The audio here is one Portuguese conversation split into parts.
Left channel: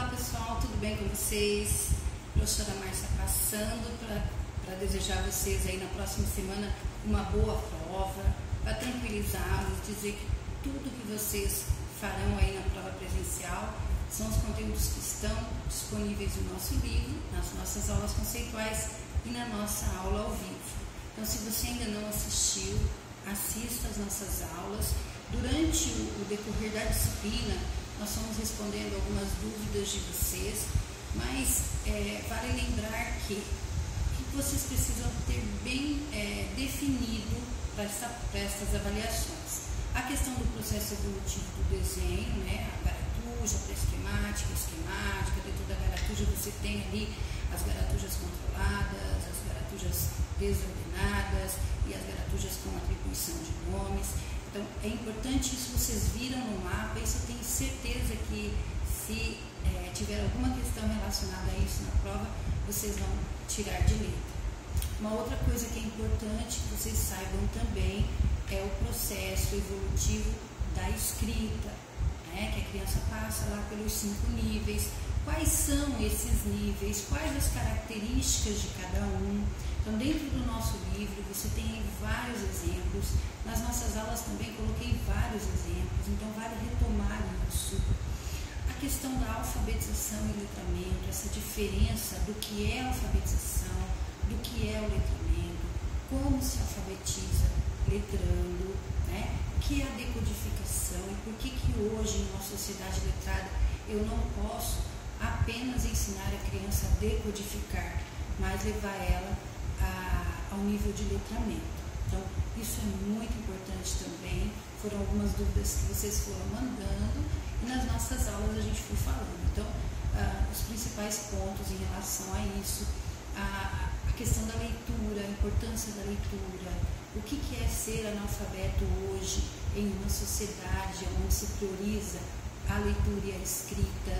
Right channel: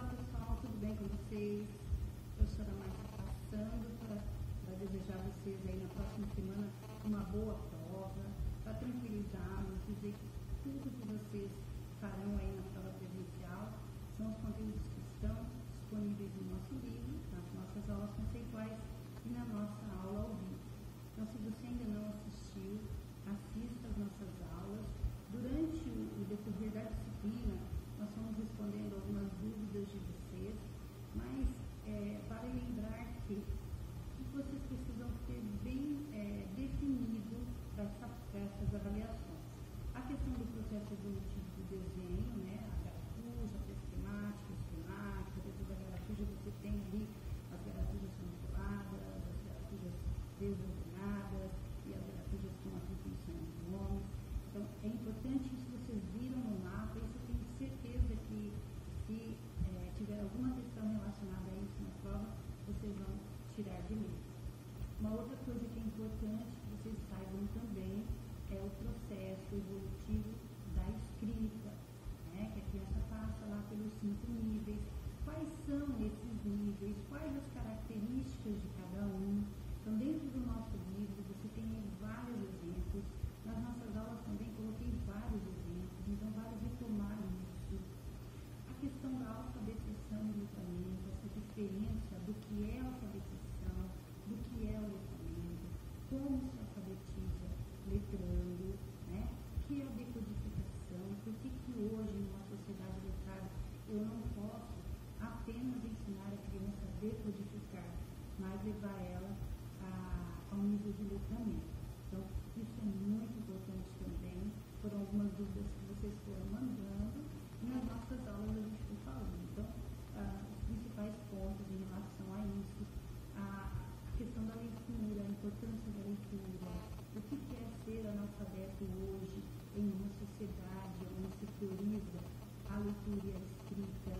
Olá pessoal, tudo bem com vocês? Professora Márcia passando para desejar a vocês aí na próxima semana uma boa prova, para tranquilizá-los, dizer que tudo que vocês farão aí na prova presencial são os conteúdos que estão disponíveis no nosso livro, nas nossas aulas conceituais e na nossa aula ao vivo. Então, se você ainda não assistiu, assista às nossas aulas. Durante o decorrer da disciplina, nós vamos respondendo algumas dúvidas de vocês, mas vale lembrar que o que vocês precisam ter bem definido para estas avaliações. A questão do processo evolutivo do desenho, né, a garatuja, a pré-esquemática, a esquemática, dentro da garatuja você tem ali as garatujas controladas, as garatujas desordenadas e as garatujas com atribuição de nomes. Então, é importante isso, vocês viram no mapa, isso eu tenho certeza que se tiver alguma questão relacionada a isso na prova, vocês vão tirar de letra. Uma outra coisa que é importante que vocês saibam também é o processo evolutivo da escrita, né? Que a criança passa lá pelos 5 níveis. Quais são esses níveis? Quais as características de cada um? Então, dentro do nosso livro, você tem vários exemplos. Nas nossas aulas também coloquei vários exemplos, então vale retomar isso. A questão da alfabetização e letramento, essa diferença do que é alfabetização, do que é o letramento, como se alfabetiza letrando, né? O que é a decodificação e por que hoje, em uma sociedade letrada, eu não posso apenas ensinar a criança a decodificar, mas levar ela ao nível de letramento. Então, isso é muito importante também. Foram algumas dúvidas que vocês foram mandando e nas nossas aulas a gente foi falando. Então, os principais pontos em relação a isso, a questão da leitura, a importância da leitura, o que é ser analfabeto hoje em uma sociedade onde se prioriza a leitura e a escrita,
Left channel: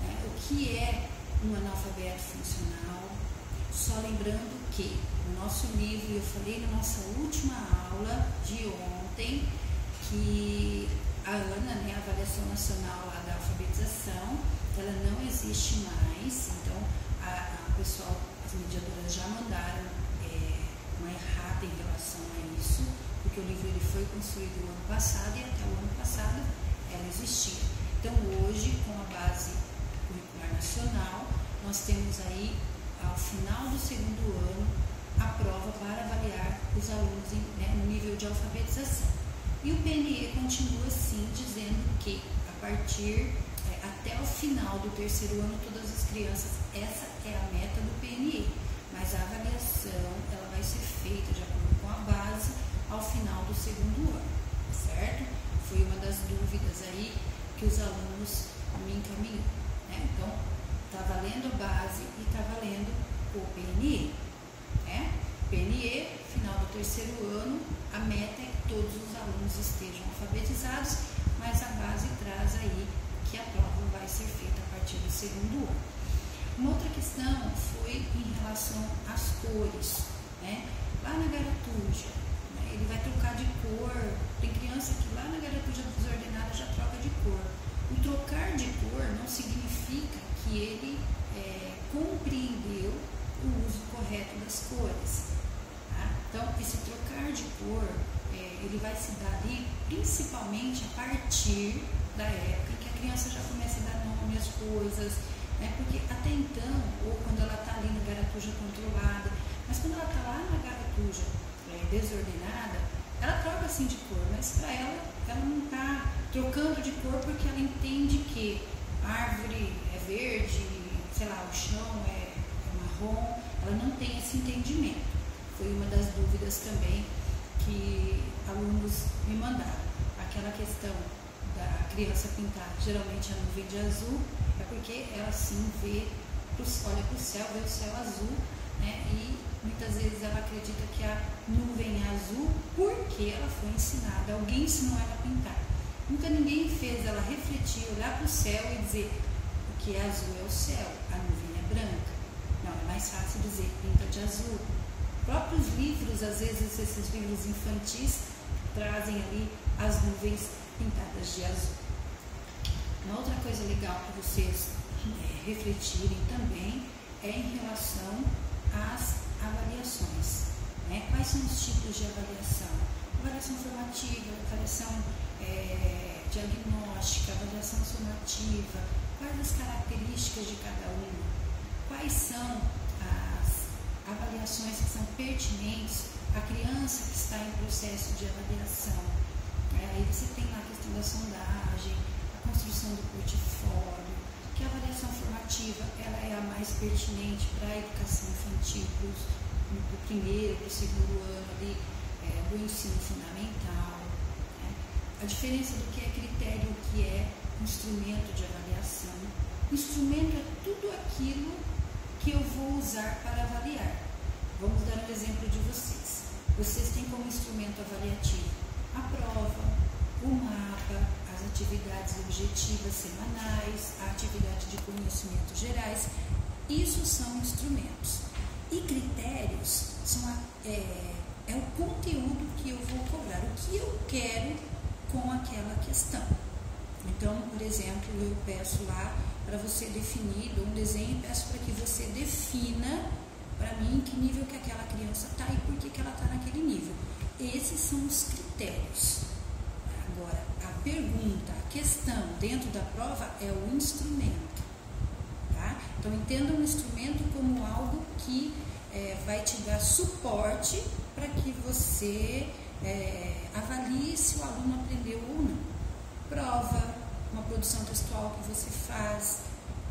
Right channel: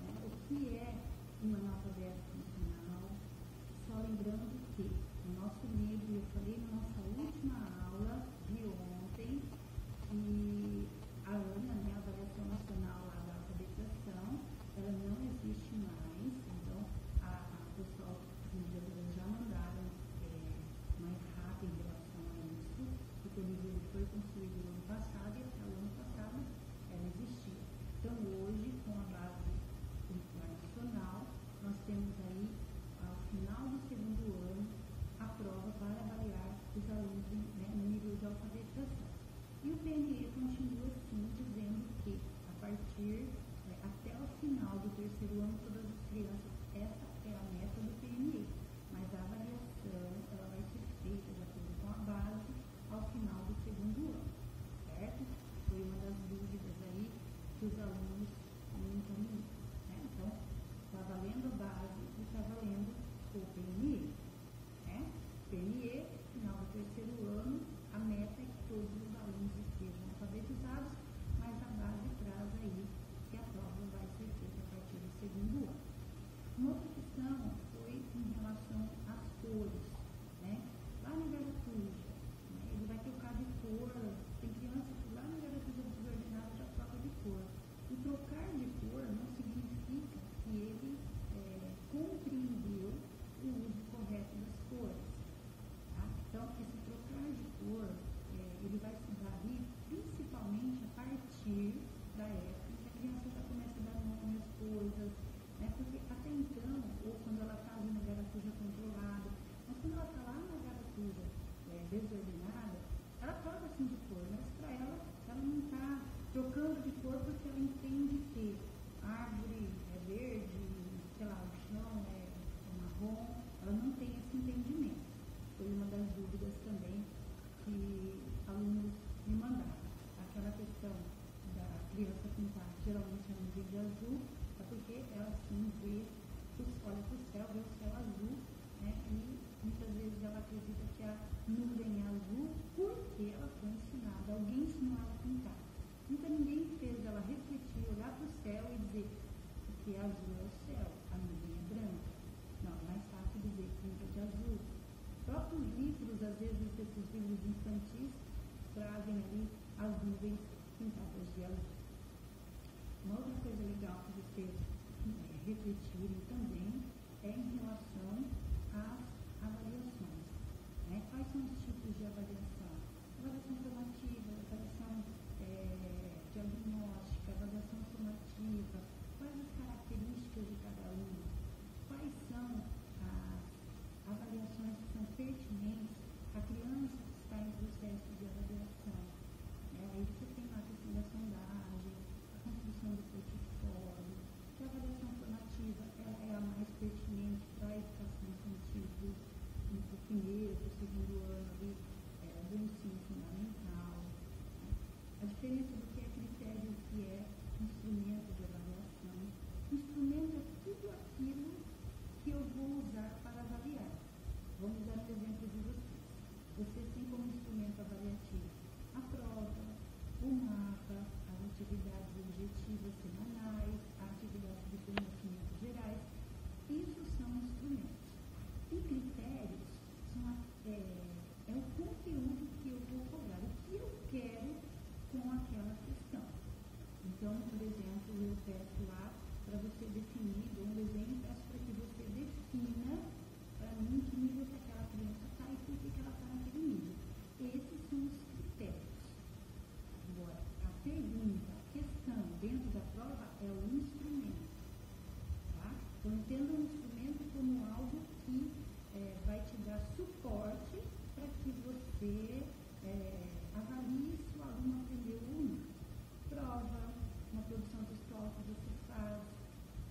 né? O que é um analfabeto funcional. Só lembrando que no nosso livro, eu falei na nossa última aula de ontem, que a ANA, né, a Avaliação Nacional lá da Alfabetização, ela não existe mais. Então, pessoal, as mediadoras já mandaram uma errata em relação a isso, porque o livro ele foi construído no ano passado e até o ano passado ela existia. Então, hoje, com a base curricular nacional, nós temos aí, ao final do segundo ano, a prova para avaliar os alunos no nível de alfabetização. E o PNE continua sim dizendo que a partir até o final do terceiro ano, todas as crianças, essa é a meta do PNE, mas a avaliação ela vai ser feita de acordo com a base ao final do segundo ano, certo? Foi uma das dúvidas aí que os alunos me encaminhou, né? Então, está valendo a base e está valendo o PNE, né? PNE, final do terceiro ano, a meta é que todos os alunos estejam alfabetizados, mas a base traz aí que a prova vai ser feita a partir do segundo ano. Uma outra questão foi em relação às cores, né? Lá na garatuja, né, ele vai trocar de cor. Tem criança que lá na garatuja desordenada já troca de cor. O trocar de cor não significa que ele compreendeu o uso correto das cores. Tá? Então, esse trocar de cor, ele vai se dar ali principalmente a partir da época em que a criança já começa a dar nome às coisas, né? Porque até então, ou quando ela está ali na garatuja controlada, mas quando ela está lá na garatuja desordenada, ela troca assim de cor, mas para ela não está trocando de cor porque ela entende que a árvore é verde, sei lá, o chão é marrom, ela não tem esse entendimento. Foi uma das dúvidas também que alunos me mandaram. Aquela questão da criança pintar geralmente a nuvem de azul, é porque ela sim olha para o céu, vê o céu azul, né? E muitas vezes ela acredita que a nuvem é azul porque ela foi ensinada, alguém ensinou ela a pintar. Nunca ninguém fez ela refletir, olhar para o céu e dizer o que é azul é o céu, a nuvem é branca. Não, é mais fácil dizer pinta de azul. Próprios livros, às vezes esses livros infantis trazem ali as nuvens pintadas de azul. Uma outra coisa legal para vocês refletirem também é em relação às avaliações. Né? Quais são os tipos de avaliação? Avaliação formativa, avaliação diagnóstica, avaliação sumativa, quais as características de cada uma, quais são as avaliações que são pertinentes à criança que está em processo de avaliação. Aí você tem lá a questão da sondagem, a construção do portfólio, que a avaliação formativa ela é a mais pertinente para a educação infantil, do primeiro para o segundo ano ali, do ensino fundamental. Né? A diferença do que é critério e o que é instrumento de avaliação. Instrumento é tudo aquilo que eu vou usar para avaliar. Vamos dar um exemplo de vocês. Vocês têm como instrumento avaliativo a prova, o mapa, as atividades objetivas semanais, a atividade de conhecimentos gerais. Isso são instrumentos. E critérios é o conteúdo que eu vou cobrar, o que eu quero com aquela questão. Então, por exemplo, eu peço lá para você definir, dou um desenho e peço para que você defina para mim em que nível que aquela criança está e por que ela está naquele nível. Esses são os critérios. Agora, a pergunta, a questão dentro da prova é o instrumento. Tá? Então, entenda um instrumento como algo que vai te dar suporte para que você avalie se o aluno aprendeu ou não. Prova, uma produção textual que você faz,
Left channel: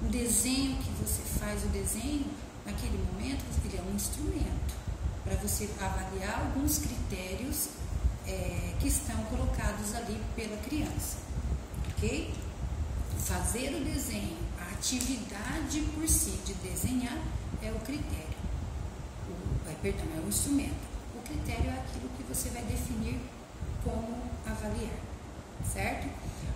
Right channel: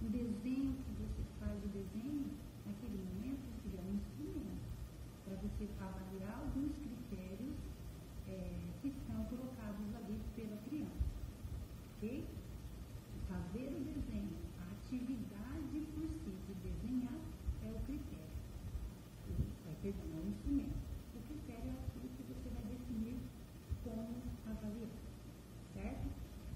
um desenho que você faz, o desenho, naquele momento, ele é um instrumento para você avaliar alguns critérios que estão colocados ali pela criança, ok? Fazer o desenho, a atividade por si de desenhar é o critério, é o instrumento. O critério é aquilo que você vai definir como avaliar, certo?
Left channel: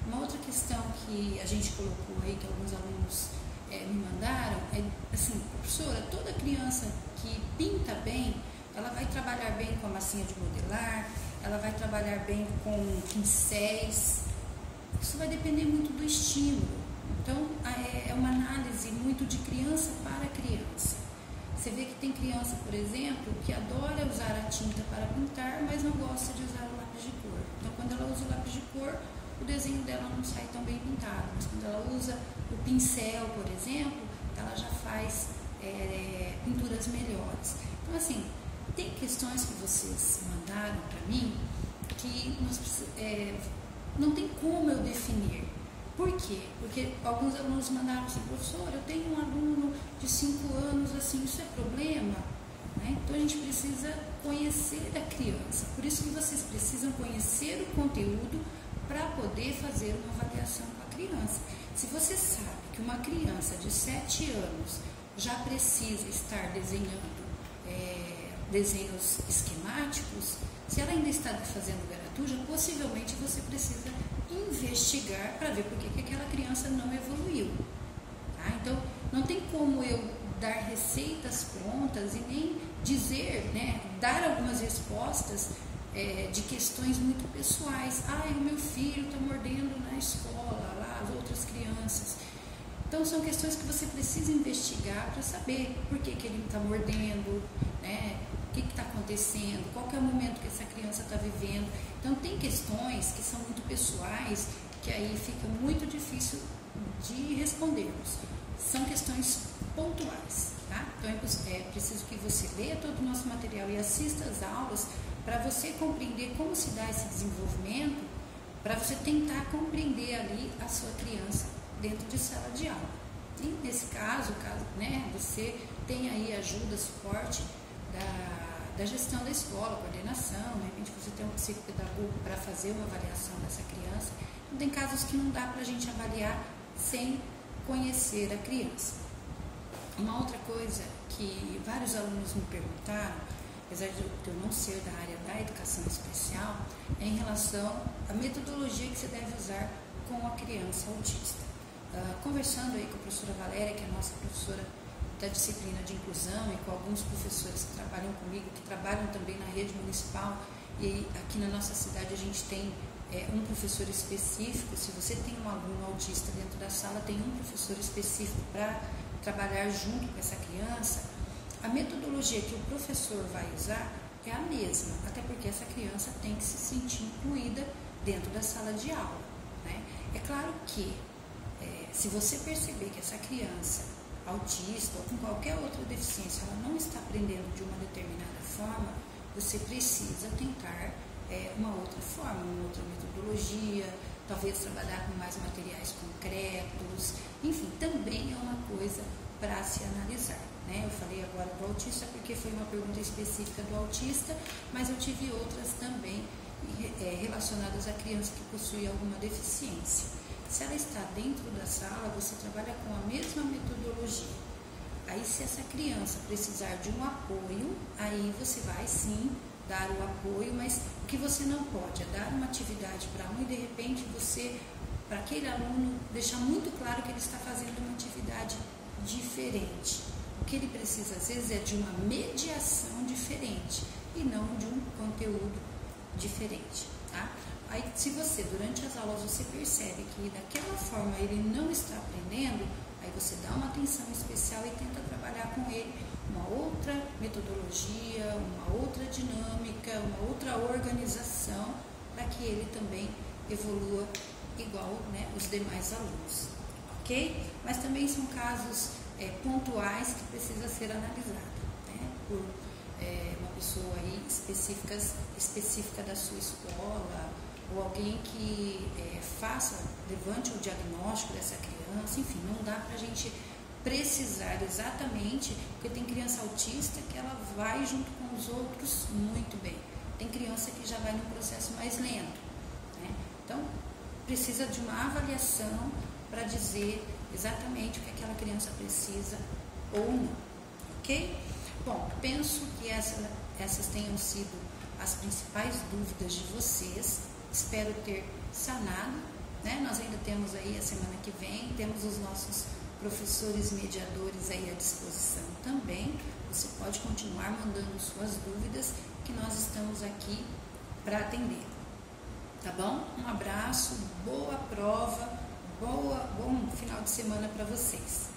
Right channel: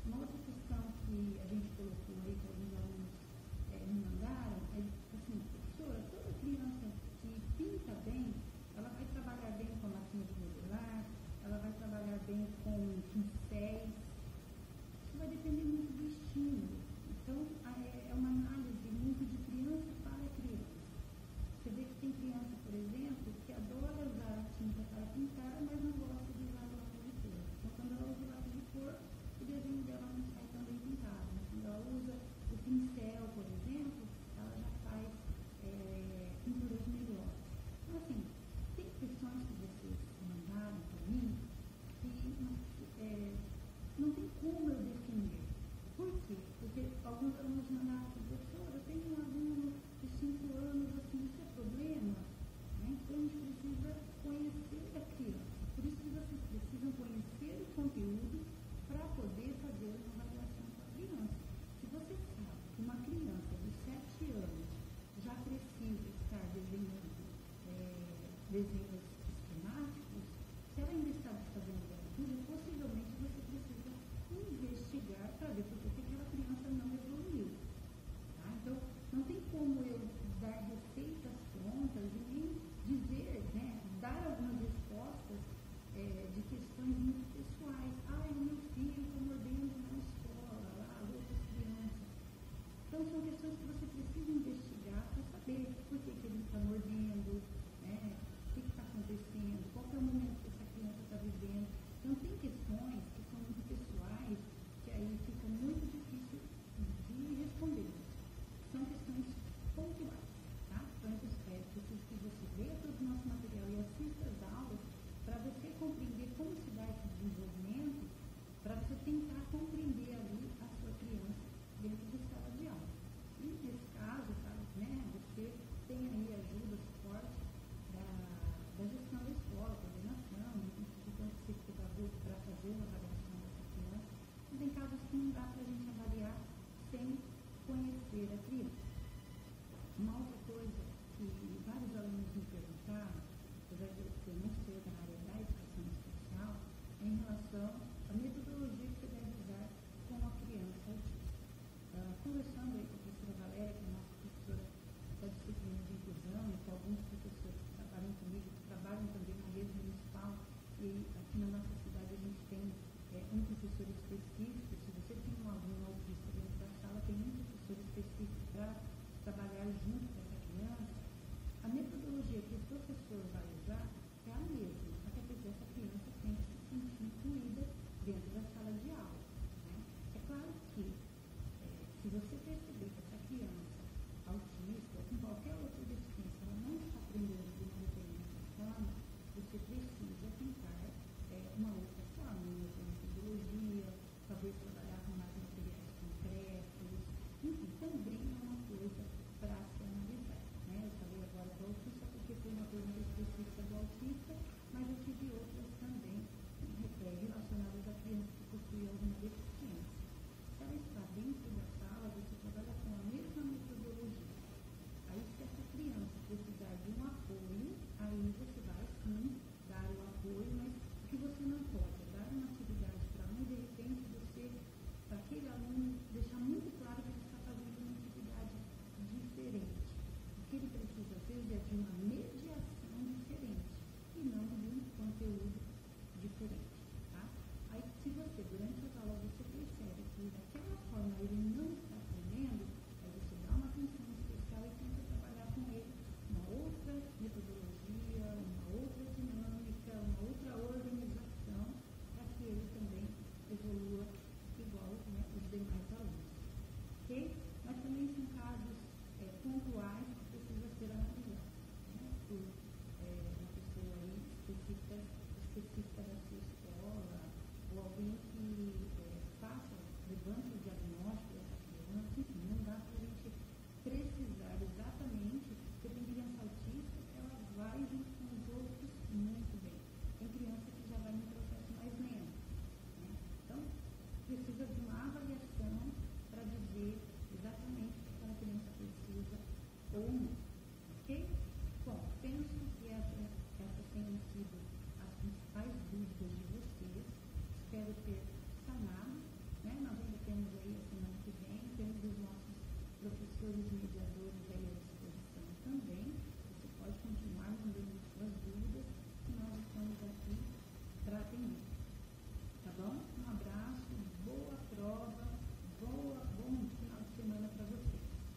Uma outra questão que a gente colocou aí, que alguns alunos me mandaram, é assim, professora, toda criança que pinta bem, ela vai trabalhar bem com a massinha de modelar, ela vai trabalhar bem com pincéis. Isso vai depender muito do estímulo. Então, é uma análise muito de criança para criança. Você vê que tem criança, por exemplo, que adora usar a tinta para pintar, mas não gosta de usar o lápis de cor. Então, quando ela usa o lápis de cor, o desenho dela não sai tão bem pintado. Mas quando ela usa o pincel, por exemplo, ela já faz pinturas melhores. Então, assim, tem questões que vocês mandaram para mim que não tem como eu definir. Por quê? Porque alguns alunos mandaram assim, professor, eu tenho um aluno de 5 anos, assim, isso é problema? Né? Então, a gente precisa conhecer a criança. Por isso que vocês precisam conhecer o conteúdo para poder fazer uma avaliação com a criança. Se você sabe que uma criança de 7 anos já precisa estar desenhando desenhos esquemáticos, se ela ainda está fazendo garatuja, possivelmente você precisa investigar para ver por que aquela criança não evoluiu. Tá? Então, não tem como eu dar receitas prontas e nem dizer, dar algumas respostas de questões muito pessoais. O meu filho está mordendo na escola, lá as outras crianças. Então, são questões que você precisa investigar para saber por que ele está mordendo, o que está acontecendo, qual que é o momento que essa criança está vivendo. Então, tem questões que são muito pessoais, que aí fica muito difícil de respondermos. São questões pontuais, tá? Então, é preciso que você leia todo o nosso material e assista às aulas para você compreender como se dá esse desenvolvimento, para você tentar compreender ali a sua criança dentro de sala de aula. E nesse caso, você tem aí ajuda, suporte da gestão da escola, coordenação, de repente você tem um psicopedagogo para fazer uma avaliação dessa criança. Então, tem casos que não dá para a gente avaliar sem conhecer a criança. Uma outra coisa que vários alunos me perguntaram, apesar de eu não ser da área da educação especial, é em relação à metodologia que você deve usar com a criança autista. Conversando aí com a professora Valéria, que é a nossa professora da disciplina de inclusão, e com alguns professores que trabalham comigo, que trabalham também na rede municipal, e aqui na nossa cidade a gente tem um professor específico. Se você tem um aluno autista dentro da sala, tem um professor específico para trabalhar junto com essa criança. A metodologia que o professor vai usar é a mesma, até porque essa criança tem que se sentir incluída dentro da sala de aula, né? É claro que se você perceber que essa criança autista ou com qualquer outra deficiência, ela não está aprendendo de uma determinada forma, você precisa tentar uma outra forma, uma outra metodologia, talvez trabalhar com mais materiais concretos, enfim, também é uma coisa para se analisar, né? Eu falei agora do autista porque foi uma pergunta específica do autista, mas eu tive outras também relacionadas à criança que possui alguma deficiência. Se ela está dentro da sala, você trabalha com a mesma metodologia. Aí, se essa criança precisar de um apoio, aí você vai sim dar o apoio, mas o que você não pode é dar uma atividade para um e de repente você, para aquele aluno, deixar muito claro que ele está fazendo uma atividade diferente. O que ele precisa às vezes é de uma mediação diferente e não de um conteúdo diferente, tá? Aí, se você, durante as aulas, você percebe que daquela forma ele não está aprendendo, aí você dá uma atenção especial e tenta trabalhar com ele uma outra metodologia, uma outra dinâmica, uma outra organização, para que ele também evolua igual, né, os demais alunos, ok? Mas também são casos pontuais que precisa ser analisado, né, por uma pessoa aí específica da sua escola, ou alguém que levante o diagnóstico dessa criança. Enfim, não dá para a gente precisar exatamente, porque tem criança autista que ela vai junto com os outros muito bem, tem criança que já vai num processo mais lento, né? Então, precisa de uma avaliação para dizer exatamente o que aquela criança precisa ou não, ok? Bom, penso que essas tenham sido as principais dúvidas de vocês. Espero ter sanado, né? Nós ainda temos aí a semana que vem, temos os nossos professores mediadores aí à disposição também. Você pode continuar mandando suas dúvidas, que nós estamos aqui para atender, tá bom? Um abraço, boa prova, bom final de semana para vocês.